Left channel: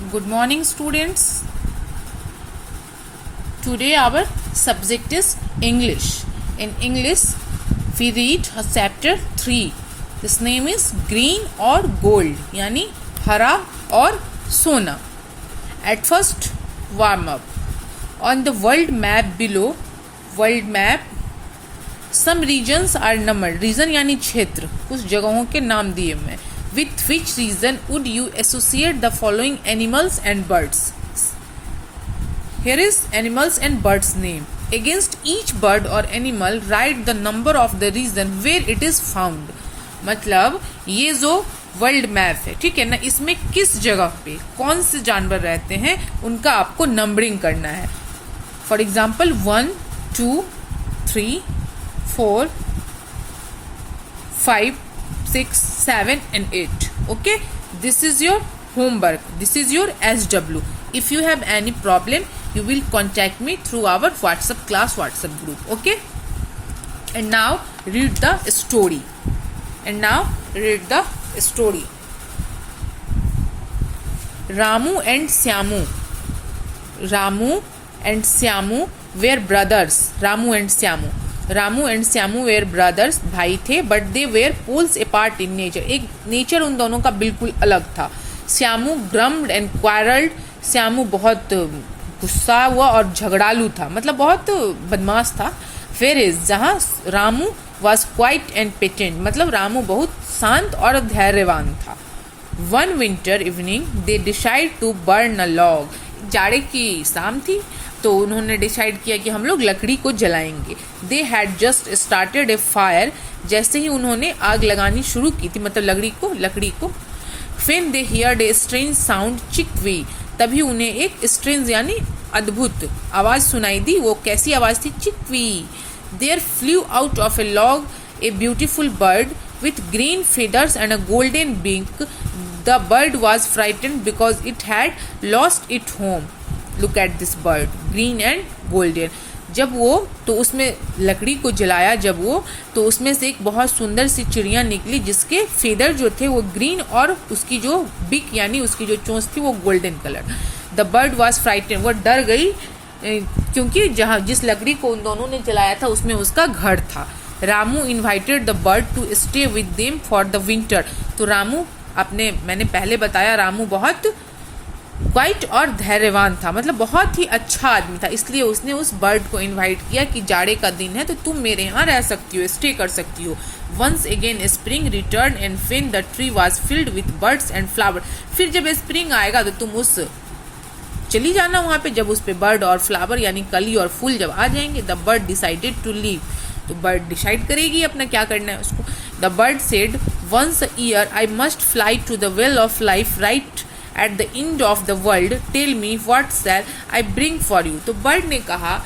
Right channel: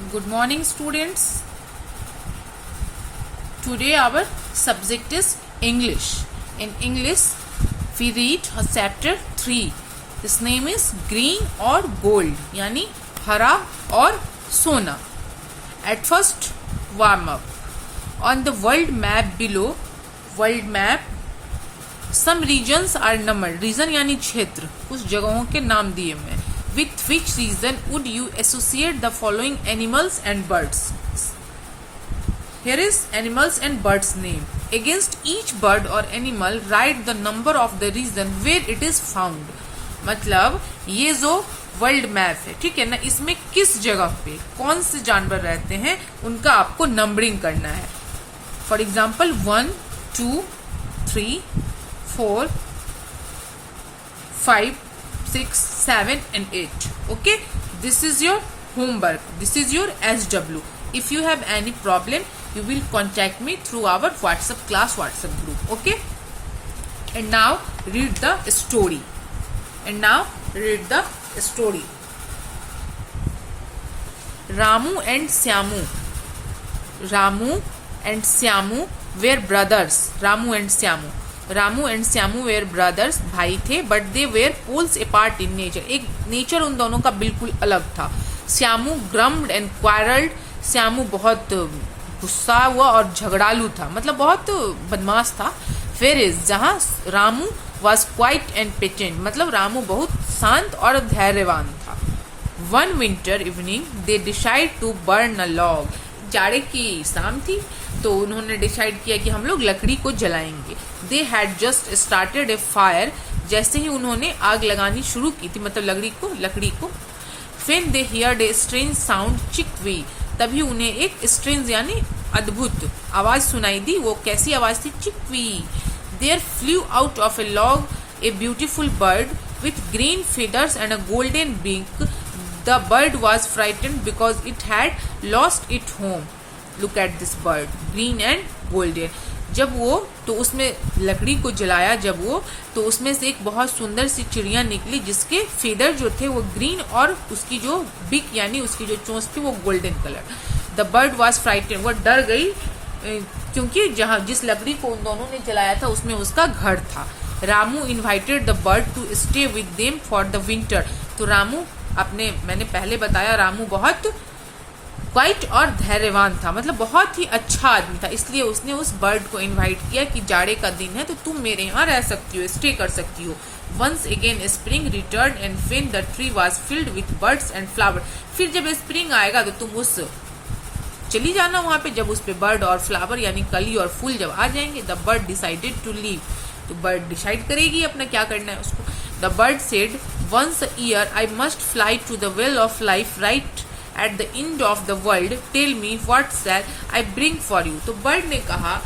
Good morning, students. Today our subject is English. In English, we read chapter 3. This name is Green or Gold, यानी हरा और सोना. At first, warm up. On the world map below, world map, some regions are numbered. Region यानी क्षेत्र, कुछ जगहों के नाम दिए मैं. With which region would you associate the following animals and birds? Here is animals and birds name. Against each bird or animal, write the number of the region where it is found. मतलब ये जो world map है, ठीक है ना, इसमें किस जगह पे कौन से जानवर रहते हैं उनका आपको नंबरिंग करना है. For example 1, 2, 3, 4, 5, 6, 7 and 8. Okay, this is your homework. This is your SW. If you have any problem, you will contact me through our WhatsApp class WhatsApp group. Okay, and now read the story. Ramu and Syamu. Ramu and Syamu were brothers. Ramu and Syamu were brothers. भाई थे, but they were poles apart in nature. एक nature उन दोनों का बिल्कुल अलग था. Syamu grumbled and quarreled. Syamu बहुत गुस्सा हुआ और झगड़ालू था, मतलब बहुत बदमाश था. Whereas जहाँ Ramu was quiet and patient, मतलब रामू बहुत शांत और धैर्यवान था. One winter evening they decided to burn a log. जाड़े की शाम थी तो उन्होंने डिसाइड किया कि हम लोग लकड़ी को जलाएंगे. They had just started a fire. जैसे ही उन्होंने आग लगानी शुरू की थी, मतलब लकड़ी को When they heard a strange sound, चिकवी, तभी उन्हें एक strange यानी अद्भुत आवाज सुनाई दी. वो कैसी आवाज थी? चिकवी. There flew out of a log a beautiful bird with green feathers and a golden beak. The bird was frightened because it had lost its home. Look at this bird, green and golden. जब वो तो उसमें लकड़ी को जलाया, तो उसमें से एक बहुत सुंदर सी चिड़िया निकली जिसके फेदर जो थे वो ग्रीन और उसकी जो बिक यानी उसकी जो चोंच थी वो golden colour. The bird was frighten, वो डर गई क्योंकि जिस लकड़ी को उन दोनों ने जलाया था उसमें उसका घर था. Ramu invited the bird to stay with them for the winter. तो रामू मैंने पहले बताया रामू बहुत क्वाइट और धैर्यवान था, मतलब बहुत ही अच्छा आदमी था, इसलिए उसने उस बर्ड को इनवाइट किया कि जाड़े का दिन है तो तुम मेरे यहाँ रह सकती हो, स्टे कर सकती हो. Once again spring return and when the tree was filled with birds and flower. फिर जब स्प्रिंग आएगा तो तुम चली जाना वहां पे, जब उस पे बर्ड और फ्लावर यानी कली और फूल जब आ जाएंगे. The bird decided to leave. तो बर्ड डिसाइड करेगी अपना क्या करना है उसको. The bird said once a year I must fly to the well of life right at the end of the world. Tell me what shall I bring for you. तो bird ने कहा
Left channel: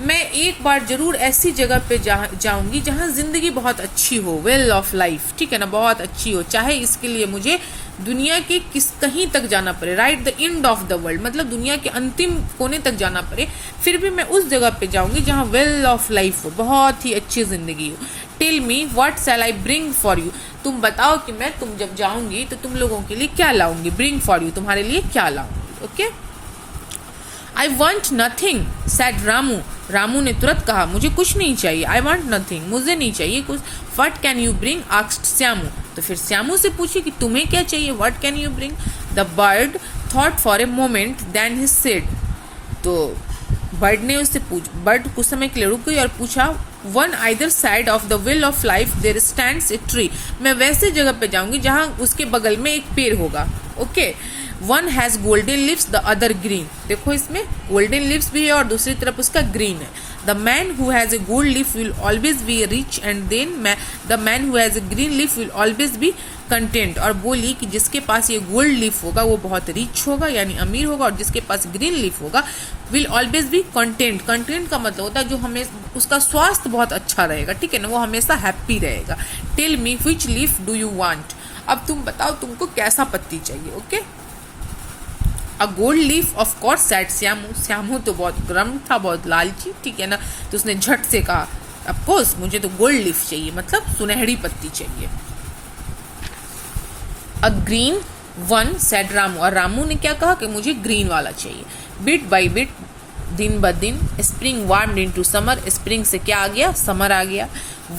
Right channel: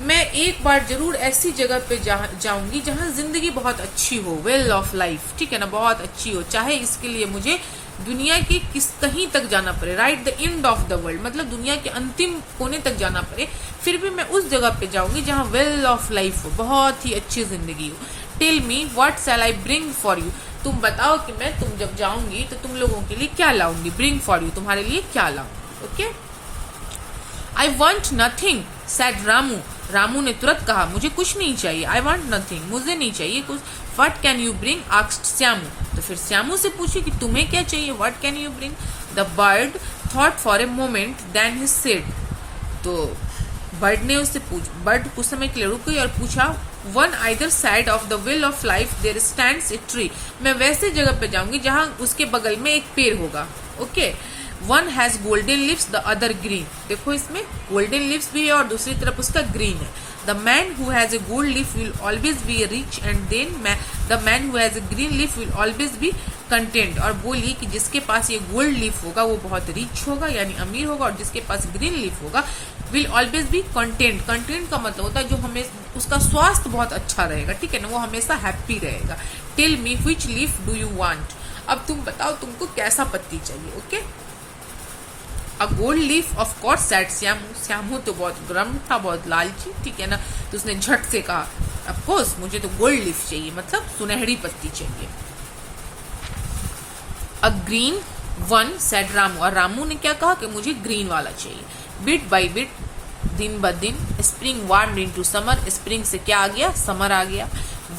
मैं एक बार जरूर ऐसी जगह पे जाऊंगी जहां जिंदगी बहुत अच्छी हो, वेल ऑफ लाइफ, ठीक है ना, बहुत अच्छी हो, चाहे इसके लिए मुझे दुनिया के कहीं तक जाना पड़े. Right the end of the world, मतलब दुनिया के अंतिम कोने तक जाना पड़े, फिर भी मैं उस जगह पे जाऊंगी जहां वेल ऑफ लाइफ हो, बहुत ही अच्छी जिंदगी हो. Tell me what shall I bring for you. तुम बताओ कि मैं तुम जब जाऊंगी तो तुम लोगों के लिए क्या लाऊंगी. ब्रिंग फॉर यू, तुम्हारे लिए क्या लाऊंगी. Okay. I want nothing said Ramu. Ramu ने तुरंत कहा मुझे कुछ नहीं चाहिए. आई वॉन्ट नथिंग, मुझे नहीं चाहिए कुछ. What can you bring asked Shyamu. तो फिर श्यामू से पूछी कि तुम्हें क्या चाहिए. What can you bring. The bird thought for a moment then he said. तो बर्ड कुछ समय के लिए रुक गई और पूछा on either side of the well of life there stands a tree. मैं वैसे जगह पे जाऊंगी जहां उसके बगल में एक पेड़ होगा. Okay. One has golden lips the other green. देखो इसमें गोल्डन लिप्स भी है और दूसरी तरफ उसका ग्रीन है. The man who has a gold leaf will always be rich and then the man who has a green leaf will always be content. और बोली कि जिसके पास ये गोल्ड लिप होगा वो बहुत रिच होगा यानी अमीर होगा, और जिसके पास ग्रीन लिप होगा will always be content. Content का मतलब होता है जो हमें उसका स्वास्थ्य बहुत अच्छा रहेगा, ठीक है ना, वो हमेशा हैप्पी रहेगा. Tell me which leaf do you want. अब तुम बताओ तुमको कैसा पत्ती चाहिए. Okay. A gold leaf of course said Shyamu. Shyamu तो बहुत गर्म था, बहुत लालची, ठीक है ना, तो उसने झट से कहा ऑफ कोर्स मुझे तो गोल्ड लीफ चाहिए, मतलब सुनहरी पत्ती चाहिए. अ ग्रीन वन सेड रामू, और रामू ने क्या कहा कि मुझे ग्रीन वाला चाहिए। बिट बाई बिट, दिन ब दिन, spring warmed into summer, spring से क्या आ गया, समर आ गया।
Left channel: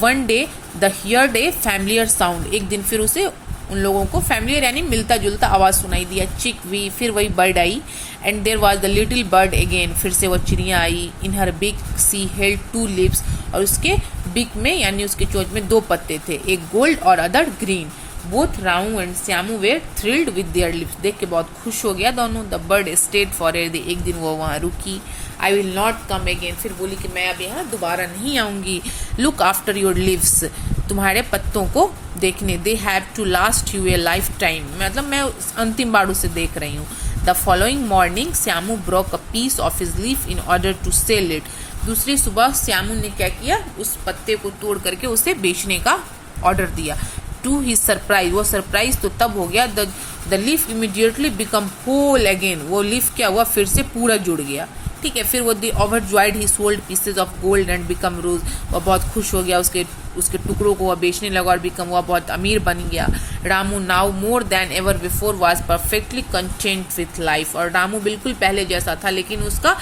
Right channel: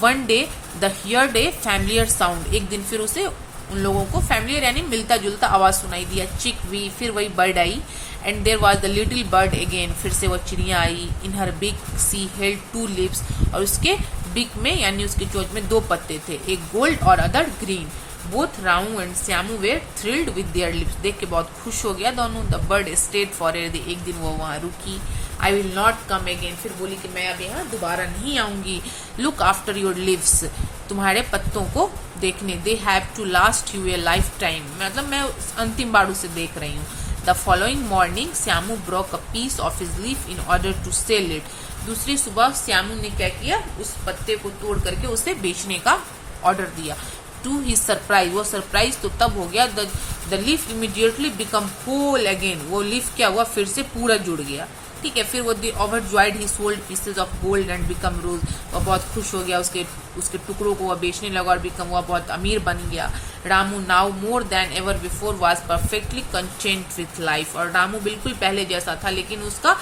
One day the heard A familiar sound, एक दिन फिर उसे उन लोगों को फैमिलियर यानी मिलता जुलता आवाज सुनाई दिया। चिक वी, फिर वही बर्ड आई। And there was the little bird again, फिर से वह चिड़िया आई। In her beak she held two leaves, और उसके बिग में यानी उसके चोंच में दो पत्ते थे, एक गोल्ड और other green. Both Ramu and Shyamu were thrilled with their leaves, देख के बहुत खुश हो गया दोनों। The bird stayed for a, एक दिन वो वहां रुकी। I will not come again, फिर बोली कि मैं अब यहाँ दोबारा नहीं आऊंगी। लुक आफ्टर योर लिव्स, तुम्हारे पत्तों को देखने। They have to last you a lifetime, मतलब मैं अंतिम बार उसे देख रही हूँ। The following morning Shyamu broke a piece of his leaf in order to sell it, दूसरी सुबह श्यामू ने क्या किया, उस पत्ते को तोड़ करके उसे बेचने का ऑर्डर दिया। टू ही सरप्राइज, वो सरप्राइज तो तब हो गया, the leaf immediately become whole again, वो लीफ क्या हुआ, फिर से पूरा जुड़ गया। ठीक है, फिर वो the overjoyed he sold pieces of gold and become rose, वो बहुत खुश हो गया, उसके टुकड़ों को वह बेचने लगा और बिकम, वह बहुत अमीर बन गया। Ramu now more than ever before was perfectly content with life, और रामू बिल्कुल पहले जैसा था, लेकिन उसका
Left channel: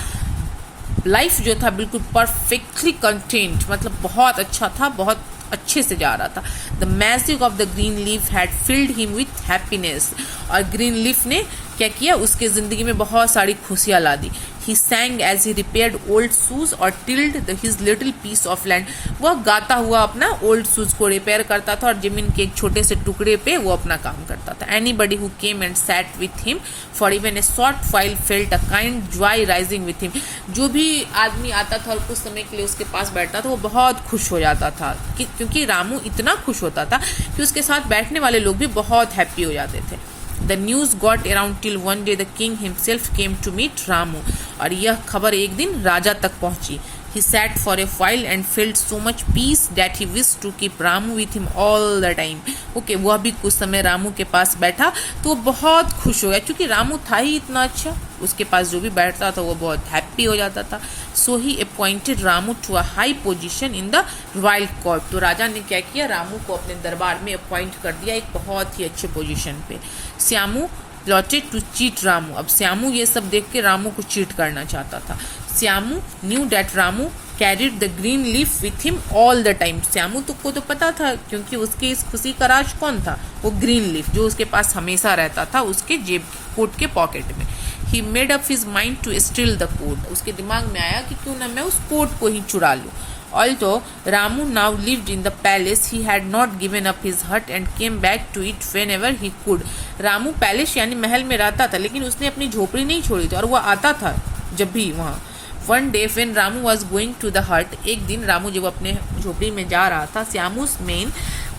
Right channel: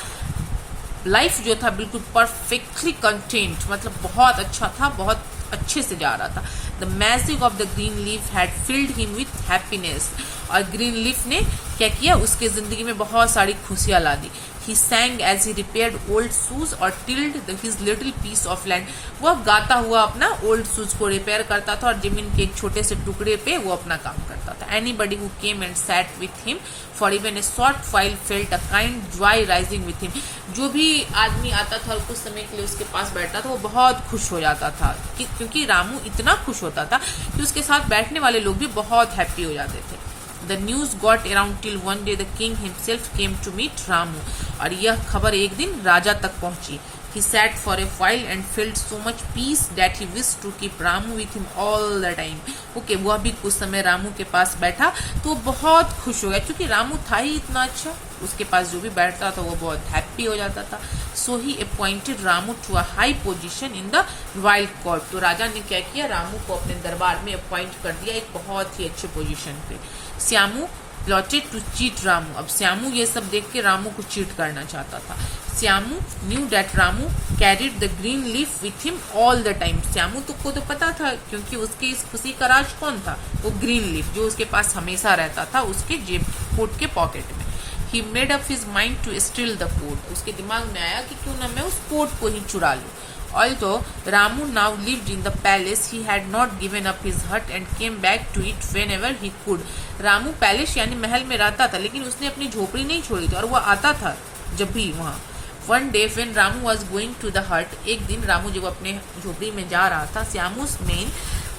लाइफ जो था बिल्कुल परफेक्टली कंटेंट, मतलब बहुत अच्छा था, बहुत अच्छे से जा रहा था। The magic of the green leaf had filled him with happiness, और ग्रीन लीफ ने क्या किया, उसके जिंदगी में बहुत सारी खुशियां ला दी। He sang as he repaired old shoes और tilled his little piece of land, वह गाता हुआ अपना ओल्ड शूज को रिपेयर करता था और जमीन के एक छोटे से टुकड़े पे वो अपना काम करता था। Anybody who came and set with him for even a short while felt a kind Joy rising with him, जो भी आदमी आता था और कुछ समय के लिए उसके पास बैठता था वो बहुत खुश हो जाता था, क्योंकि रामू इतना खुश होता था कि उसके साथ बैठने वाले लोग भी बहुत हैप्पी हो जाते थे। The news got around till one day the king himself came to meet Ramu, और यह खबर एक दिन राजा तक पहुंची। He sat for a while and felt so much peace that he wished to keep Ramu with him all the time. Okay, वह भी कुछ समय रामू के पास बैठा तो वो बहुत खुश हो गया, क्योंकि रामू था ही इतना अच्छा, उसके पास जो भी बैठता था वो बहुत हैप्पी हो जाता था। So he appointed Ramu to a high position in the royal court. तो राजा ने क्या किया, रामू को अपने दरबार में अपॉइंट कर दिया एक बहुत ही अच्छे पोजीशन पे। Shyamu plotted to cheat Ramu, अब श्यामू ये सब देख के रामू को चीट करना चाहता था। Shyamu new that Ramu carried the green leaf with him all the time, Shyamu को तो पता था, क्योंकि उसके इस खुशी का राज कौन था, वो ग्रीन लीफ जो उसके पास हमेशा रहता था उसके जेब कोट के पॉकेट में। He made up his mind to steal the coat, उसके दिमाग में आया कि क्यों ना मैं उस कोट को ही चुरा लूं। Although Ramu now lived in the palace, he had not given up his hut and came back to it whenever he could. Ramu palace यानी महल में रहता था, लेकिन उसने अपनी झोपड़ी नहीं छोड़ी थी और वो आता था जब भी वहाँ। One day when Ramu was going to the hut, एक दिन रामू जब अपने झोपड़ी में जा रहा था, श्यामू's men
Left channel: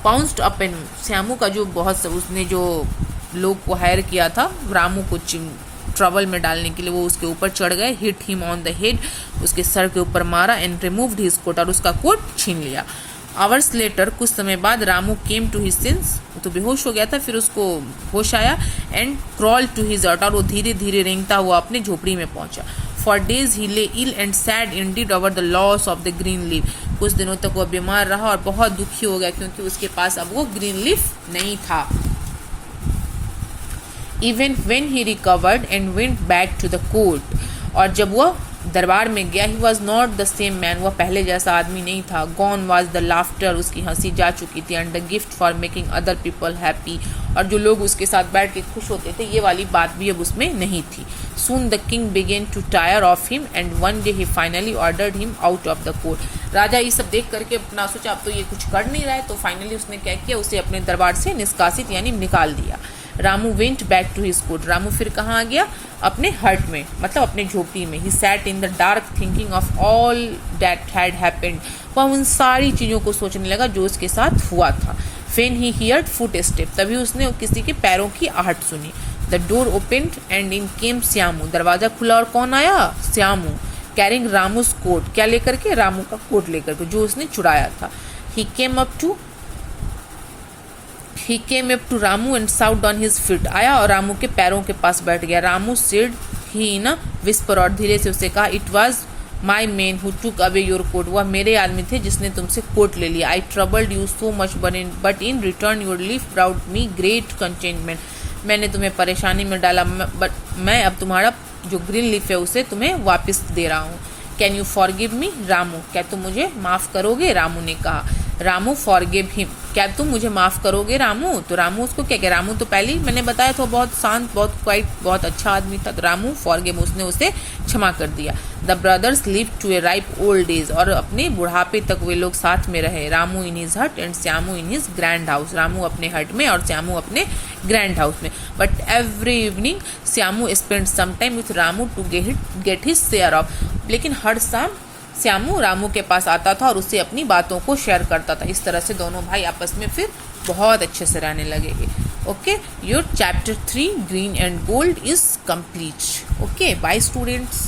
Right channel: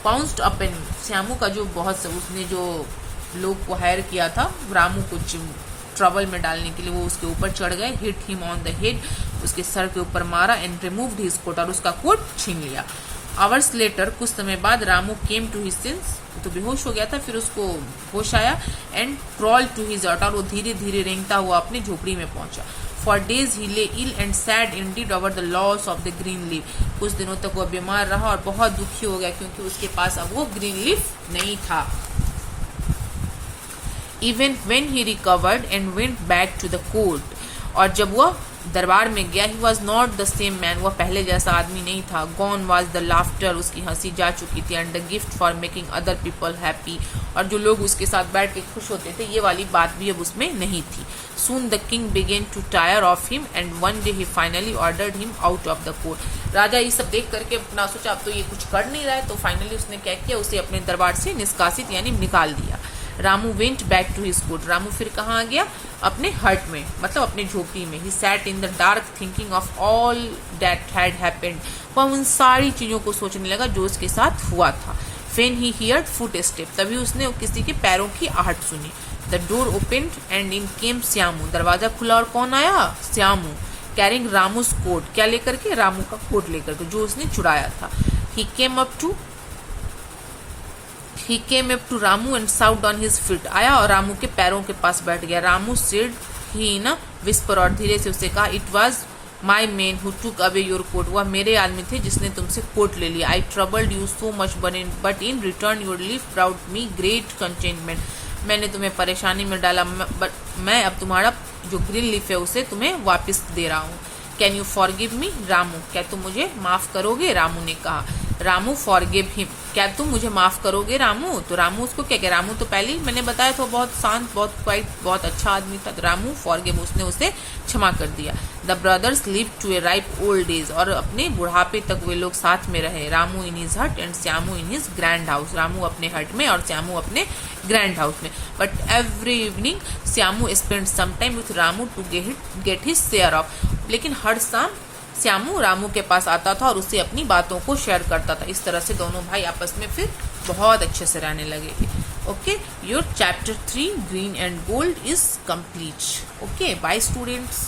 pounced up and Shyamu का जो बहुत उसने जो लोग को हायर किया था रामू को ट्रबल में डालने के लिए, वो उसके ऊपर चढ़ गए। Hit him on the head, उसके सर के ऊपर मारा। एंड रिमूव्ड हिज कोट, और उसका कोट छीन लिया। आवर्स लेटर, कुछ समय बाद Ramu came to his senses, तो बेहोश हो गया था, फिर उसको होश आया। एंड क्रॉल टू हिज हट, और वो धीरे धीरे रेंगता हुआ अपनी झोपड़ी में पहुंचा। For days he lay ill and sad indeed over the loss of the green leaf, कुछ दिनों तक वो बीमार रहा और बहुत दुखी हो गया, क्योंकि उसके पास अब वो ग्रीन लीफ नहीं था। Even when he recovered and went back to the court, और जब वह दरबार में गया, he was not the same man, वह पहले जैसा आदमी नहीं था। Gone was the laughter, उसकी हंसी जा चुकी थी। And the gift for making other people happy, और जो लोग उसके साथ बैठ के खुश होते थे, ये वाली बात भी अब उसमें नहीं थी। Soon the king began to tire of him and one day he finally ordered him out of the court. राजा ये सब देख करके अपना सोचा अब तो ये कुछ कर नहीं रहा है, तो फाइनली उसने क्या किया, उसे अपने दरबार से निष्कासित यानी निकाल दिया। Ramu went back to his coat, Ramu फिर कहाँ आ गया, अपने हट में, मतलब अपने झोपड़ी में। He sat in the dark thinking of all that had happened, वह उन सारी चीजों को सोचने लगा जो उसके साथ हुआ था। When he heard footsteps, तभी उसने किसी के पैरों की आहट सुनी। The door opened and in came Shyamu, दरवाजा खुला और कौन आया, श्यामू। Carrying रामू's coat, क्या लेकर के, रामू का कोट लेकर के जो उसने चुराया था। He came up to Ramu and sat on his feet, आया और रामू के पैरों के पास बैठ गया। Ramu said he in a whisper, और धीरे से उसे कहा, It was my man who took away your coat, वह मेरे आदमी थे जिसने तुमसे कोट ले लिया। I troubled you so much but in return your leaf brought me great contentment, मैंने तुम्हें परेशानी में डाला, बट मैं अब तुम्हारा जो ग्रीन लीफ है उसे तुम्हें वापस दे रहा हूँ। Can you forgive me Ramu, क्या तुम मुझे माफ करोगे, रामू ने कहा। रामू फॉरगिव हिम, क्या तुम मुझे माफ करोगे रामू। तो रामू उसको क्या कह, रामू तो पहले ही मैंने बताया था बहुत शांत, बहुत क्वाइट, बहुत अच्छा आदमी था। तो रामू फॉरगिव, उसने उसे क्षमा कर दिया। The brothers live to a ripe old age, और अपने बुढ़ापे तक वे लोग साथ में रहे। Ramu in his hut and Shyamu in his grand house, Ramu अपने हट में और श्यामू अपने ग्रैंड हाउस में। But every evening Shyamu spend some time with Ramu to get his share of, लेकिन हर शाम श्यामू रामू के पास आता था और उससे अपनी बातों को शेयर करता था। इस तरह से दोनों भाई आपस में फिर बहुत अच्छे से रहने लगे थे। Okay, your chapter 3 green and gold is complete. Okay, bye students.